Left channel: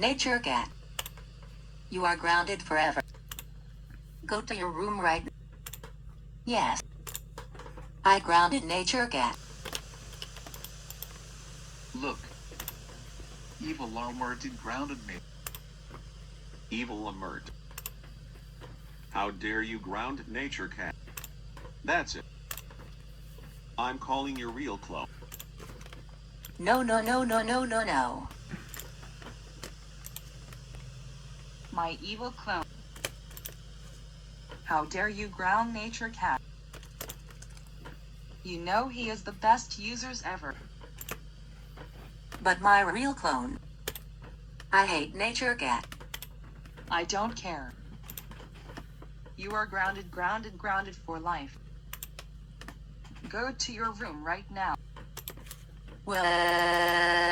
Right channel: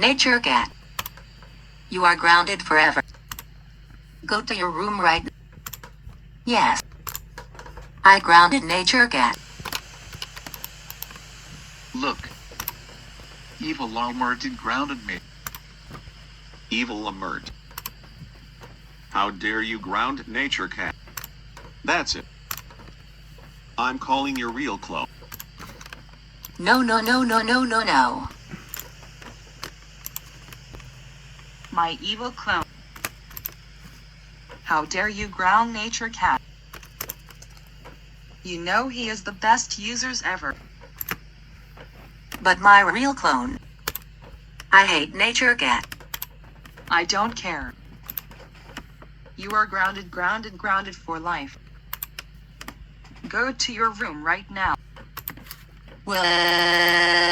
Nature cat. You are grounded forever. Go to your room right now. Yes. I grounded Nature cat. Look. Evil Almert grounded me. Evil Alert. How dare you ground Nature Cat? That's it. I'm calling your real clone. No, no, no, no, no, no, no. My evil clone. How dare you ground Nature Cat? You know he is the best users ever. But my real clone. I hate Nature cat. I don't care. You are grounded, grounded, grounded for life. Go to your room right now. Well.